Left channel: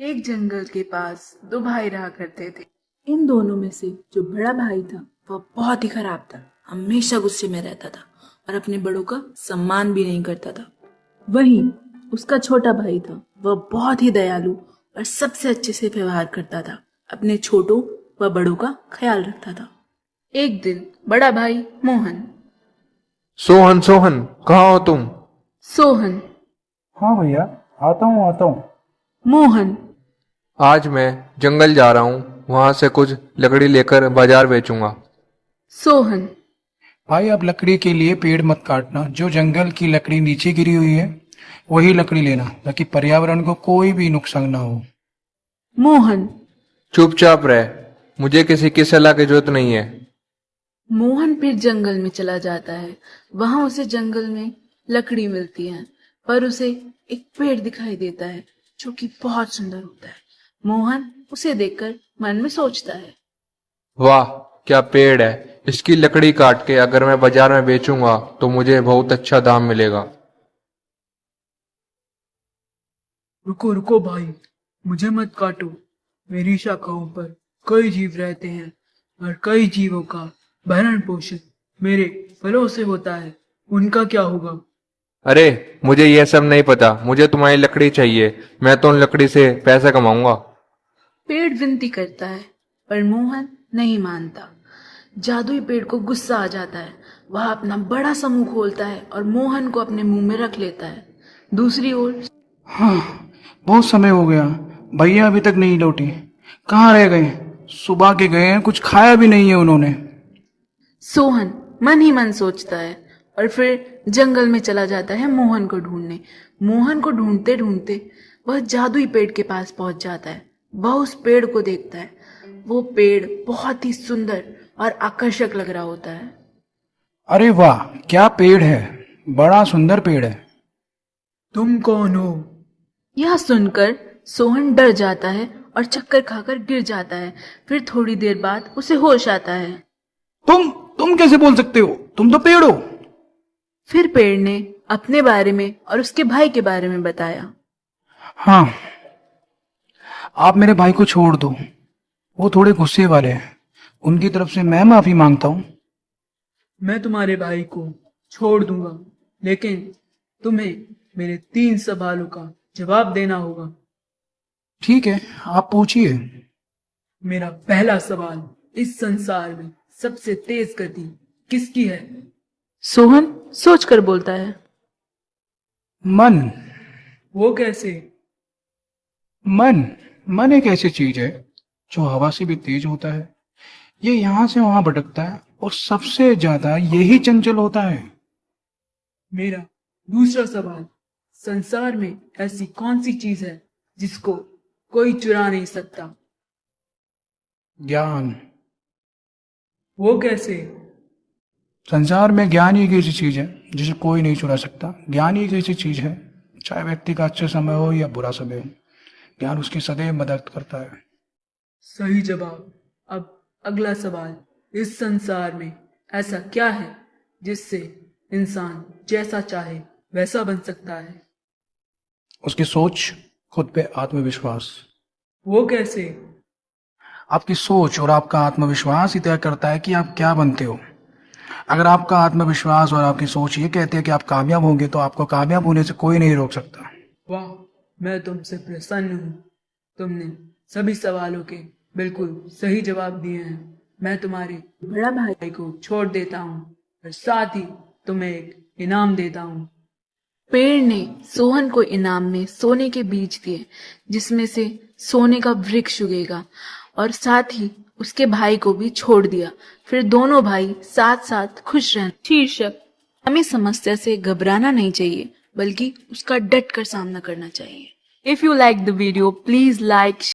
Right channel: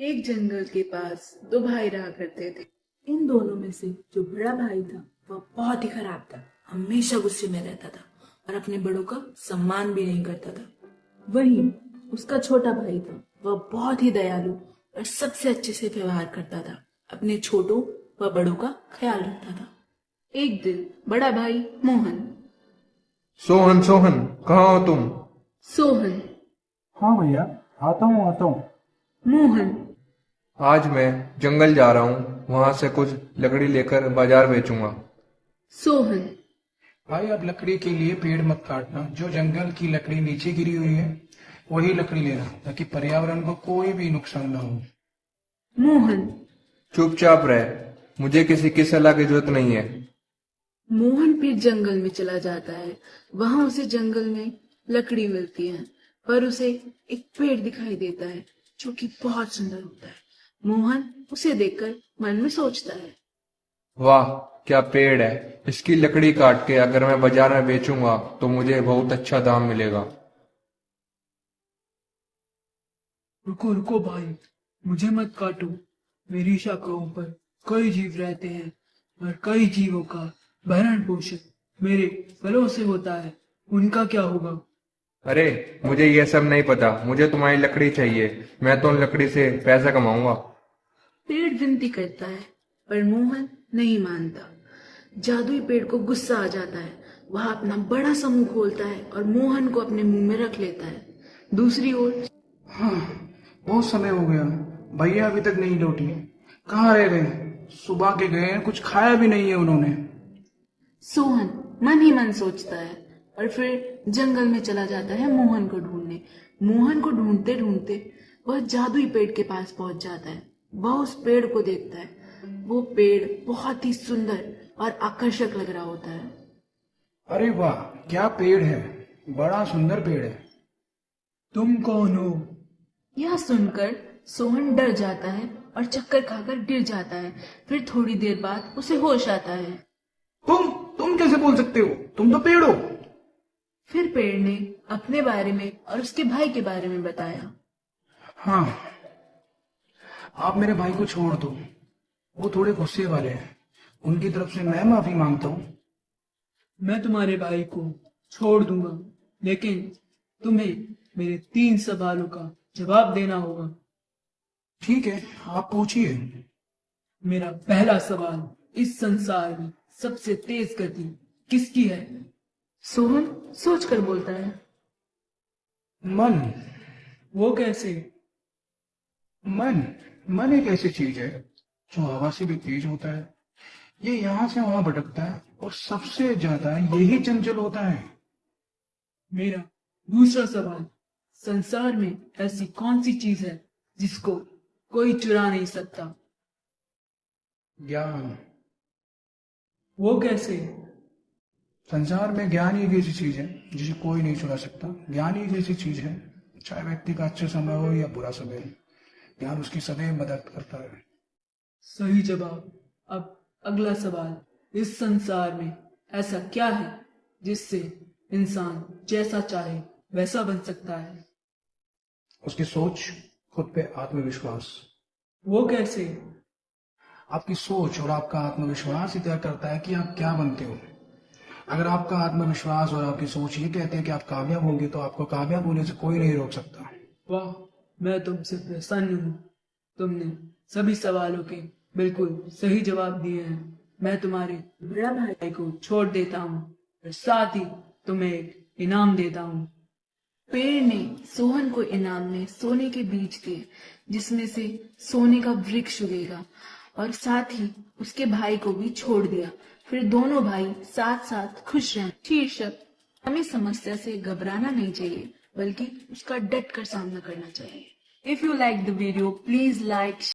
एक जंगल के पास दो भाई रहा करते थे। इन दोनों में से जो बड़ा भाई था वह बहुत ही खराब था। हमेशा गुस्से में रहता था और अपने बड़ों का सम्मान भी नहीं करता था। वहीं उसका छोटा भाई था, वह बहुत ही दयालु और सबसे अच्छे से व्यवहार करता था। अपने छोटों व बड़ों का ख्याल रखता था। एक दिन बड़ा भाई मोहन। सोहन सोहन, कहाँ हो तुम? सोहन। हाँ भैया, आता हूँ। मोहन। आज मैं जंगल जा रहा हूँ, वहां से कुछ लकड़ी लेकर बाजार बेचूंगा। सोहन। भाई आप लकड़ी के लिए पेड़ मत काटना, जो जंगल की लकड़ी नीचे गिरी हुई है वही लकड़ी लेना, ताकि पर्यावरण को कोई भी नुकसान ना हो। मोहन। चुपचाप रह, मुझे किसी की सलाह की जरूरत नहीं है। मोहन फिर जंगल में चला जाता है। वहां उसे जंगल में लकड़ी मिलती है, पर उसे एक पेड़ दिखाई देता है जो कि बहुत सुंदर होता है। मोहन उसे देखकर मन में सोचता है, वाह, क्या पेड़ है! इसकी लकड़ी काट के अगर मैं बाजार में बेचूंगा तो मुझे बहुत अच्छा दाम मिलेगा। रुको रुको भाई, मुझे मत काटो। मेरी शाखाओं पर कई जीव रहते हैं और कई जीवों का भरण पोषण मेरे फलों से होता है। उनका क्या होगा? अरे, मुझे यह सब नहीं पता, मुझे तुम्हारी लकड़ी चाहिए। मैं तो उन लकड़ी से पैसा कमाऊंगा। पेड़ विनती करता है पर मोहन नहीं मानता। जादुई पेड़ को गुस्सा आ जाता है। वह अपना बड़ा सा मुंह खोलता है और मोहन को अपने मुंह में रख लेता है। दूसरी ओर हाँ, बहुत समय हो गया, भैया अभी तक नहीं लौटी। कहाँ रह गए? सुबह के गए हैं, कुछ खाया भी नहीं है उन्होंने। सोहन मन ही मन सोचता है और फिर जंगल में चला जाता है मोहन को ढूंढने। मोहन को ढूंढते ढूंढते वह जादुई पेड़ के पास पहुंच जाता है। वह उस पेड़ को देखता है। वो पेड़ बहुत ही सुंदर और आकर्षक लग रहा होता है। अरे वाह, क्या पेड़ है! बड़ा सुंदर पेड़ है। तुम कौन हो? यह सुनकर सोहन डर जाता है और चक्कर खाकर गिर जाता है। फिर थोड़ी देर बाद उसे होश आता है। तुम कैसे बोल सकते हो? तुम तो पेड़ हो। फिर पेड़ ने अपने बारे में और उसके भाई के बारे में बताया। हाँ, आप मेरे भाई को छोड़ दो, वो थोड़े गुस्से वाले हैं। उनकी तरफ से मैं माफी मांगता हूँ। मैं तुम्हारे भाई को छोड़ दूंगा, लेकिन तुम्हें मेरे 3 सवालों का जवाब देना होगा। ठीक है, आप पूछिए। मेरा पहला सवाल, इस संसार में सबसे तेज गति किसकी है? सोहन सोचकर बोलता है, मन। वो कैसे? मन मन एक ऐसी चीज है जो हवा से भी तेज होता है। ये यहाँ से वहां भटकता है और सबसे ज्यादा यही चंचल होता है। मेरा दूसरा सवाल, संसार में ऐसी कौन सी चीज है जिसको कोई चुरा नहीं सकता? ज्ञान। वो कैसे? संसार में ज्ञान ही एक ऐसी चीज है जिसे कोई नहीं चुरा सकता। ज्ञान ही एक ऐसी चीज है, चाहे व्यक्ति का अच्छा समय हो या बुरा समय हो, ज्ञान उसकी सदैव मदद करता है। सही जवाब। अब अगला सवाल, इस संसार में ऐसा क्या है जिससे इंसान जैसा चाहे वैसा बन सकता है? उसकी सोच, खुद पे आत्मविश्वास। वो कैसे? आपकी सोच और आपका आत्मविश्वास ही तय करता है कि आप क्या बनते हो। अगर आपका आत्मविश्वास और आपकी सोच ये कहते हैं कि आप कामयाब होंगे, तो आपको कामयाब होने से कोई नहीं रोक सकता। वाह, मैं तुमसे प्रसन्न हूँ। तुमने सभी सवालों के बिल्कुल सही जवाब दिए हैं। मैं तुम्हारे बड़ा भाई को छोड़ देता हूँ और साथ ही तुम्हें एक इनाम देता हूँ। पेड़ ने सोहन को इनाम में सोने के बीज दिए, जिसमें से सोने का वृक्ष उगेगा, और साथ ही उसके भाई को भी छोड़ दिया। फिर दोनों भाई साथ साथ खुश रहे। शीर्षक, हमें समस्या से घबराना नहीं चाहिए बल्कि उसका डट कर सामना करना चाहिए। If you like the video, please like,